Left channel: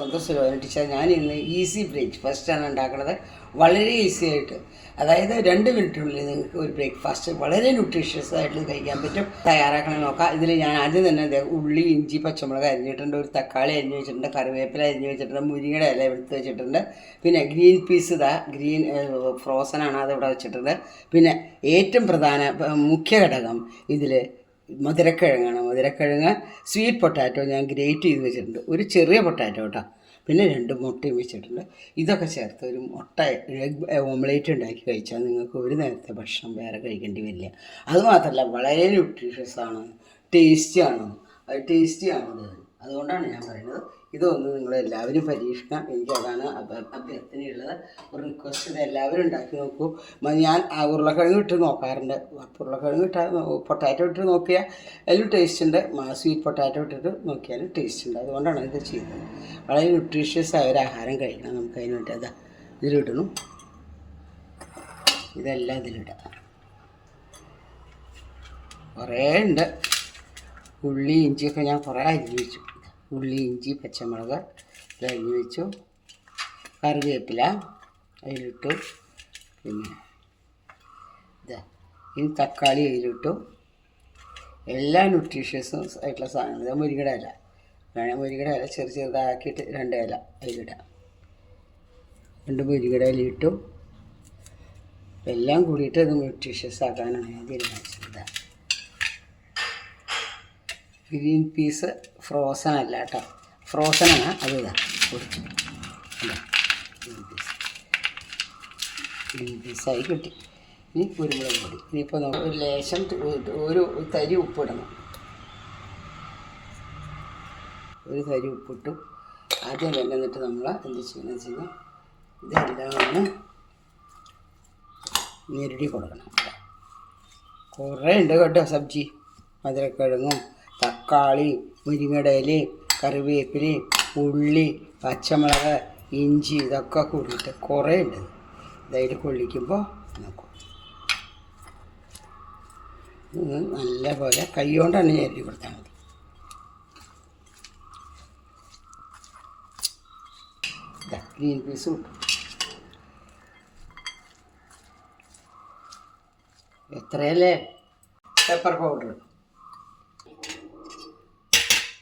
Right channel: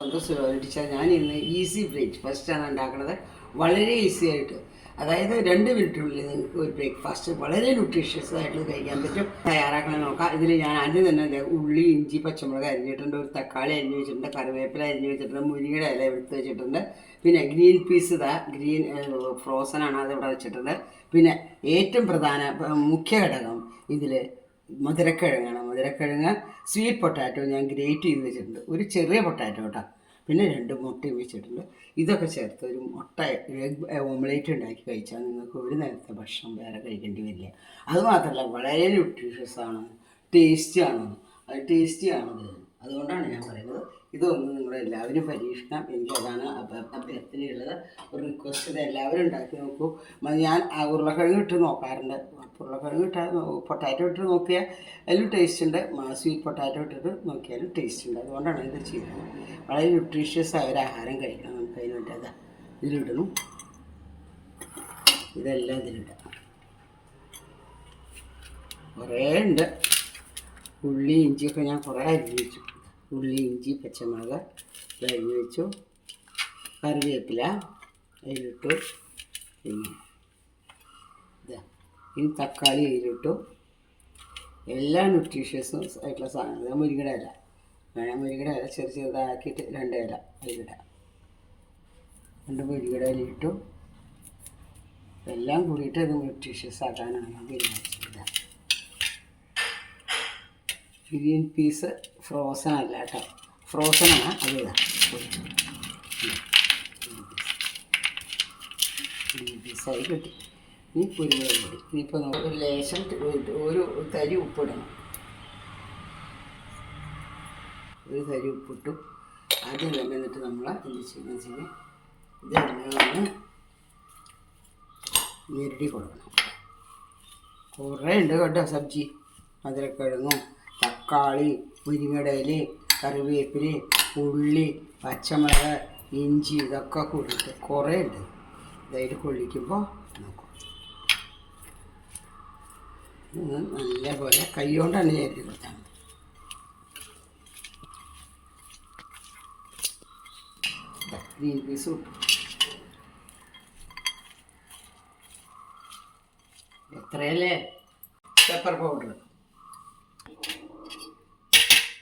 സന്തോഷം ടീച്ചർ. ഞാൻ ഇന്ന് ഈസി ബ്രേക്ക്ഫാസ്റ്റാണ് ഉണ്ടാക്കുന്നത്. വളരെ ഈസി ആയിട്ട്, അതായത് 2 മിനിറ്റിനുള്ളിൽ നിങ്ങൾക്ക് ഒരു ബ്രേക്ക്ഫാസ്റ്റ് വളരെ ന്യൂട്രീഷ്യസ് ആയിട്ട് കഴിക്കാൻ പറ്റും. തയ്യാറാക്കണം നോക്കാം. ഇതിൽ ഞാൻ ആദ്യം തന്നെ ഉള്ളി, ഇഞ്ചി, പച്ചമുളക് അരിഞ്ഞിട്ടുണ്ട്, ഒരു തക്കാളി അരിഞ്ഞ് വെച്ചിട്ടുണ്ട്, കറിവേപ്പില അരിഞ്ഞ് വെച്ചിട്ടുണ്ട്, മുരിങ്ങയുടെ ഇല എടുത്ത് വെച്ചിട്ടുണ്ട്, പിന്നെ ഗ്രീൻ പീസ് ഗ്രീൻ ഫ്രോസനാണ് അതിവിടെ വെച്ചിട്ടുണ്ട്. പിന്നെ ഏറ്റവും പ്രധാന മുഖ്യ ഘടകം ഇതിൽ മധുരക്കിഴങ്ങാണ്. മധുരക്കിഴങ്ങ്, സ്വീറ്റ് പൊട്ടാറ്റോ ഞാൻ ഗ്രേറ്റ് ചെയ്ത് വെച്ചിട്ടുണ്ട്, ഒരു ചെറിയ പൊട്ടാറ്റോ കേട്ടോ, പിന്നെ 2 മുട്ടയും വെച്ചിട്ടുണ്ട്. ഇതൊക്കെ ചേർത്ത് ഒരു മുട്ട എഗ് ഓംലേറ്റ് ഉണ്ടാക്കി കഴിച്ചാൽ നിങ്ങൾക്ക് ഒരു നേരത്തെ ഭക്ഷണം വേറെ കഴിക്കേണ്ടി വരില്ല. അതുമാത്രമല്ല വളരെ ന്യൂട്രീഷ്യസ് ആണ്, ടേസ്റ്റിയാണ്. അതുകൊണ്ടാണ് ഞാൻ പറയുന്നത് ഇതൊന്ന് നിങ്ങളെല്ലാവരും പരീക്ഷിക്കണം. എനിക്കതാണ് അഭ്യർത്ഥനയുള്ളത്, ഒരു റിക്വസ്റ്റ്. ഇത് എല്ലാവരും ഉണ്ടാക്കി നോക്കൂ. ഞാൻ ഉരുളക്കിഴങ്ങ് ഇട്ട് നോക്കാറുണ്ട്. ഉരുളക്കിഴങ്ങ് ഇട്ടാൽ പൊട്ടാറ്റോ ഇട്ട് നോക്കിയാൽ അതിലും ടേസ്റ്റ് ഉണ്ട്, സ്വീറ്റ് പൊട്ടാറ്റോ ഇട്ടിട്ട് നോക്കിയാലും ടേസ്റ്റ് ഉണ്ട്. അതുകൊണ്ടാണ് ഇത് ചെയ്യുന്നത്. വളരെ ന്യൂട്രീഷ്യസ് ആയ ഒരു ആഹാരം കഴിക്കണം നമുക്ക്. അതിന് വേണ്ടി അതാ ഇതിലിടണം, ഇതെല്ലാം ഇതിലിടാം. കുറേ ഉണ്ട്. ഉള്ളി, ഇഞ്ചിയൊക്കെ ഞാൻ കുറേ അരിഞ്ഞ് വെച്ചു. ഉള്ളി, ഇഞ്ചി, പച്ചമുളക് അരിഞ്ഞ് വെച്ചു, കറിവേപ്പില അതിലിട്ടു, പിന്നെ ഇതാ ഇനി തക്കാളി അതിലിട്ടു. എല്ലാ ന്യൂട്രീഷ്യസും ആയിട്ടുള്ള സാധനങ്ങൾ. മുരിങ്ങയുടെ ഇല വേണം, മുരിങ്ങയുടെ ഇല ചെറുതാക്കിയിട്ട് 2 ഇല അതിലിടാം. 2 മുരിങ്ങയുടെ ഇല ഇട്ടു. എല്ലാം കൂടിയിട്ട് ഇത് ന്യൂട്രീഷ്യസ് ആക്കാനാണ് ഞാൻ തീരുമാനിച്ചത്. ഗ്രീൻ പീസ് ഫ്രോസൺ അല്ല കേട്ടോ, ഫ്രോസണാണ്. അത് ഗ്രീൻ പീസായി കിട്ടി. ഇനി കുരുമുളക് പൊടി. ഇനിയിപ്പോൾ നമുക്ക് ലേശം ഒരു തരി ഉപ്പിടണം. ഒരു തരി ഉപ്പിട്ടു. ആദ്യം തന്നെ എന്നിട്ട് നമ്മൾ എന്ത് ചെയ്യണമെന്ന് വെച്ച് കഴിഞ്ഞാൽ ഇതെല്ലാം ഒന്ന് ഞെരടി കൊടുക്കണം. കുറേ ഉണ്ട് കേട്ടോ സബ്ജി. മധുരക്കിഴങ്ങും, തക്കാളി, മുരിങ്ങയുടെ ഇല, കറിവേപ്പില, ഉള്ളി, പച്ചമുളക്, ഇഞ്ചി, ഇതൊക്കെ കൂടിയിട്ട് കുറേ ഉണ്ട്. ഇതായിട്ട് കൊള്ളിക്കുമ്പോൾ നോക്കും നല്ലപോലെ കൈ കൊണ്ടാണ് ഞെരടി കൊടുത്താൽ മതി. ഗ്രീൻ പീസ് കിട്ടും. എത്രയല്ലേ? പെപ്പർ പൗഡറൊന്നുമില്ല.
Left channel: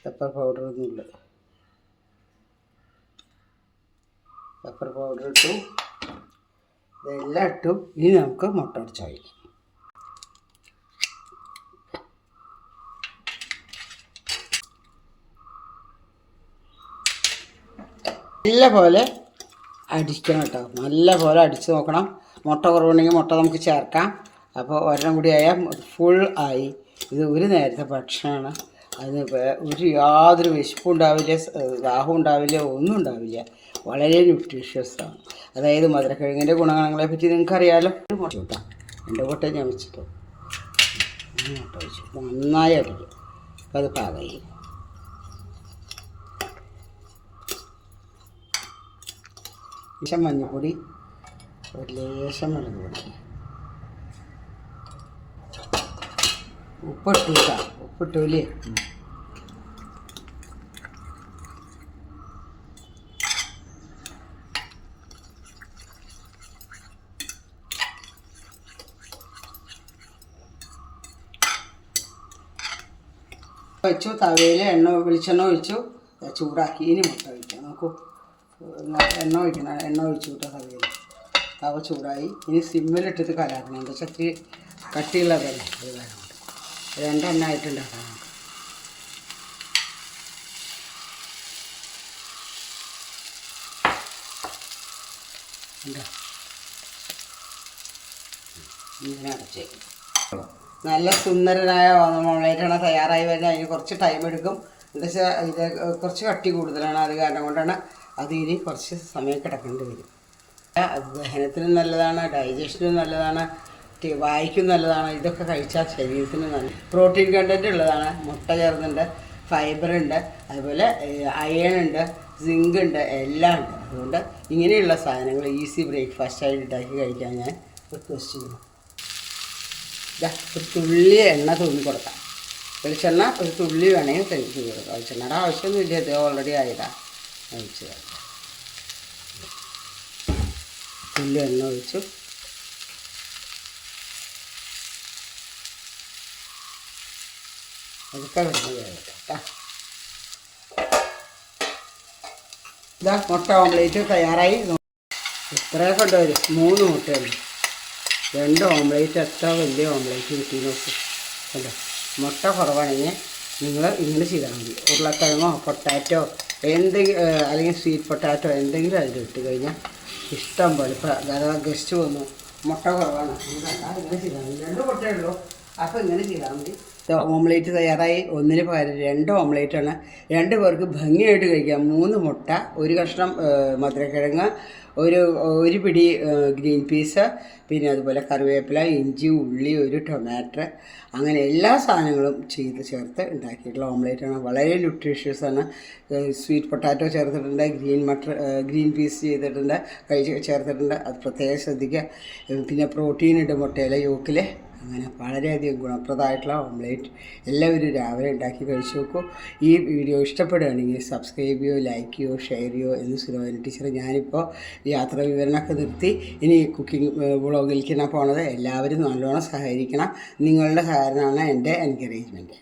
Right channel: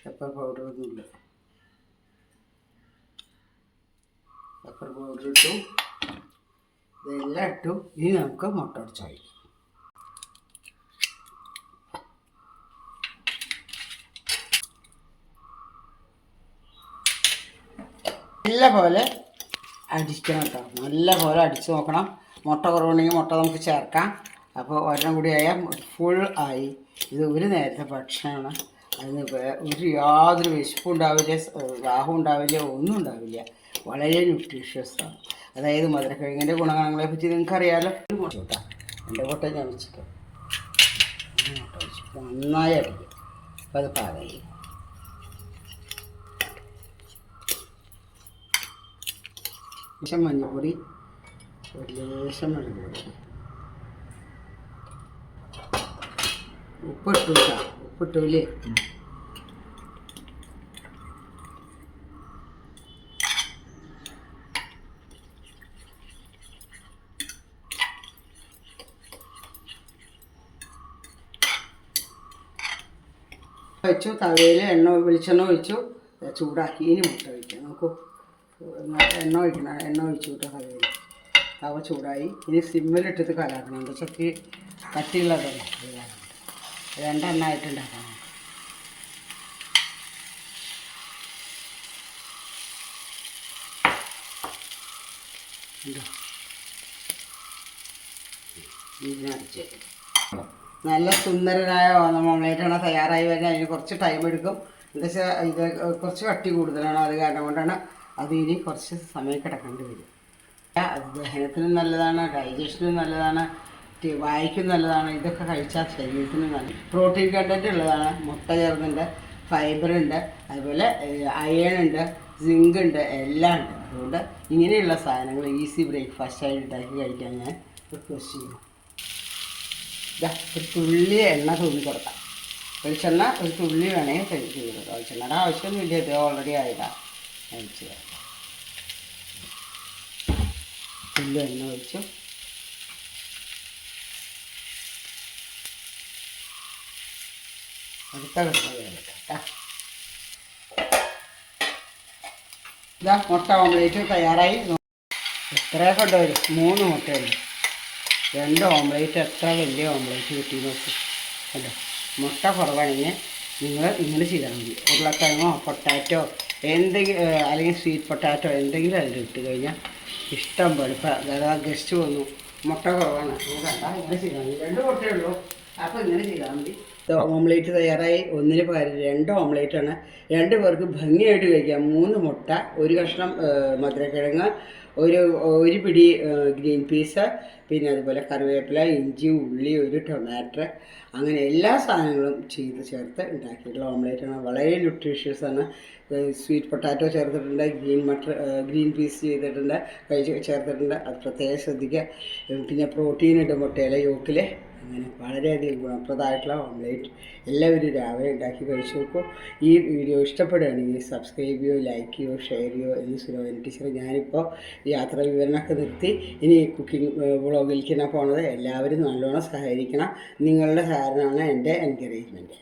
പെപ്പർ പൗഡർ ഇട്ടു, ഇതെല്ലാം ഇട്ടു. ഇനി നമുക്ക് മുട്ട അടിച്ച് കഴിക്കാം. നല്ലപോലെ അടിക്കണം കേട്ടോ, നല്ലപോലെ അടിച്ച് നോക്കണം. മുട്ട കുറവുണ്ടെങ്കിൽ മുട്ട നമുക്ക് ചേർക്കാം. അപ്പോൾ ഒരെണ്ണം കൂടി ആയാൽ ഫുൾ ആയി. ഇത് ഒരു നേരത്തെ ഭക്ഷണമാണ്. അതിന് യാതൊരു വിശപ്പും ഉണ്ടാവില്ല, ദാഹം ഉണ്ടാവില്ല, ഒന്നും ഉണ്ടാവില്ല. വളരെ ന്യൂട്രീഷ്യസാണ്. അതായത് മധുരക്കിഴങ്ങിൻ്റെ ഗുണഗണങ്ങളെ പറ്റി നിങ്ങൾക്കറിയാമല്ലോ. മുട്ട കേട്ടോ, 2 മുട്ട ഞാൻ വെച്ചിട്ട് മുട്ട വെച്ചു. നന്നായി അടിക്കും. അപ്പോൾ അത് പാകമായി. ലേശം മഞ്ഞൾപ്പൊടി, ഒരു ലേശം മുളക് പൊടി, ഉപ്പിട്ടു കേട്ടോ. ഉപ്പിട്ടൂല്ലേ? വെച്ചു. തവയിൽ വെളിച്ചെണ്ണ ഒഴിച്ചു, ചൂടാക്കി. ഇനി മുട്ട ഒഴിക്കാം. നോക്കൂ, എണ്ണ ഒഴിച്ചു കേട്ടോ തവയിൽ. തവ ചൂടായി. ഇനി സിമ്മിലിട്ടിട്ട് കലാക്കണം. എന്താ വെച്ചാൽ ഇത്തിരി കട്ടിയുള്ളതല്ലേ, അത് കാരണം 2 എണ്ണമായിട്ടുണ്ടാക്കണം. ഇങ്ങനെ അടച്ച് നല്ല സുന്ദരനായ ഓംലേറ്റാണ് തയ്യാറായി വരുന്നത്. അതിന് കുറച്ച് ടൈം എടുക്കും. എന്താ വെച്ചാൽ ഇത് കുറച്ച് കട്ടി കൂടുതലാണ്. അത് കാരണം കൊണ്ടാണ് അത് ഇനി കുറച്ച് സമയം കിടക്കേണ്ടി വരും. ദഹനത്തിനും നല്ലതാണ്, ഡൈജഷനും നല്ലതാണ്, വായിക്കും നല്ലതാണ്. ഇതൊക്കെ കഴിച്ചാൽ ശരീരത്തിന് നല്ല പ്രോട്ടീൻ കണ്ടൻറ്റ് ഉള്ളതാണ്. മുട്ട ചേർന്നുണ്ട്, ഫൈബറുണ്ട്, അതുപോലെ അയൺ ഉണ്ട്, സിങ്ക് ഉണ്ട്, എല്ലാം ഉണ്ട്. അതുകൊണ്ട് ഇങ്ങനെയുള്ള സാധനങ്ങൾ ഈസി ബ്രേക്ക്ഫാസ്റ്റായിട്ട് ഉണ്ടാക്കി കഴിക്കാൻ ഞാൻ റിക്വസ്റ്റ് ചെയ്യുന്നു. ഒരു തുള്ളി എണ്ണ തൂങ്ങി കൊടുക്കാം. വെളിച്ചെണ്ണ ഒരു തുള്ളി വേണമെങ്കിൽ കഴിച്ച് കൊടുക്കാം. വെളിച്ചെണ്ണയുടെ ആവശ്യമൊന്നുമില്ല, ഇത് ഓൾറെഡി ആയതാണ്. ഒഴിച്ച് തുള്ളി എണ്ണ ഒഴിച്ചു. അതൊക്കെ കിടന്ന് കേട്ടോ. ഇതാ മുട്ട ഓംലേറ്റ് തയ്യാറായി. എത്ര കൊണ്ടുവരും? 3 മുട്ടയുണ്ട്. 2 ഓംലേറ്റ്, എത്ര വലിയ ഓംലേറ്റ് കിട്ടി നോക്കി അല്ലോ. മുട്ട കുറവാണെങ്കിൽ നിങ്ങൾ ഇങ്ങനെ ചെയ്താൽ മതി. ഉരുളക്കിഴങ്ങോ പൊട്ടാറ്റോ എന്തെങ്കിലും, അല്ലെങ്കിൽ സ്വീറ്റ് പൊട്ടാറ്റോ എന്തെങ്കിലും അതിലിട്ട് കഴിഞ്ഞാൽ ഇഷ്ടം പോലെ. ഇപ്പം അതാ ഗസ്റ്റ് വന്നു, മുട്ട കുറവാണ്, ഇങ്ങനെ ചെയ്താൽ മതി. 2 മുട്ടയേ ഉള്ളൂ, അപ്പോൾ ഇങ്ങനെ ചെയ്താൽ മതി. ഓംലേറ്റ് തയ്യാറായി. 1-ന് പകരം 2 ഓംലേറ്റാണ്. 2 പേർക്ക് ഭംഗിയായിട്ട് കഴിക്കാം. 3 മുട്ട, 1 കഷ്ണം മധുരക്കിഴങ്ങ്, ഒരു പിടി ഗ്രീൻ പീസ്, പിന്നെ അതുപോലെ കറിവേപ്പില, ഇഞ്ചി, ഉള്ളി, 1 ടൊമാറ്റോ, അങ്ങനെ എല്ലാ സാധനങ്ങളും ചേർത്ത് ഉണ്ടാക്കിയിട്ടുള്ള ഓംലേറ്റാണ്. വളരെ ന്യൂട്രീഷ്യസാണ്. സ്വീറ്റ് പൊട്ടാറ്റോ ചേർത്തിട്ടുണ്ട്, ഗ്രീൻ പീസ് ചെയ്തിട്ടുണ്ട്, ചേർത്തിട്ടുണ്ട്. അത് പ്രത്യേകം ശ്രദ്ധിക്കുക. പിന്നെ പ്രോട്ടീൻ ഇട്ട് മുട്ടയിലെ യോക്കിൽ. അങ്ങനെ വളരെയധികം ഗുണപ്രദമായിട്ടുള്ള ഓംലേറ്റ് എല്ലാവരും രാവിലെ ഉണ്ടാക്കി കഴിച്ചു നോക്കൂ. ഈ വീഡിയോ ഇഷ്ടപ്പെടുകയാണെങ്കിൽ സബ്സ്ക്രൈബ് ചെയ്യുകയോ ലൈക്ക് ചെയ്യുകയോ ഷെയർ ചെയ്യുകയോ എന്ന് സുലോചന ടീച്ചർ. ഞാനിപ്പോൾ യാത്രാ വിവരണമൊക്കെ നിർത്തി ഇനി കുക്കിംഗ് വ്ളോഗിലേക്കാണ് പോണത്. എല്ലാവരും നല്ലോണം സഹകരിക്കണം. നിങ്ങളുടെ സഹകരണമാണ് എൻ്റെ എൻകറേജ്മെൻറ്റ്.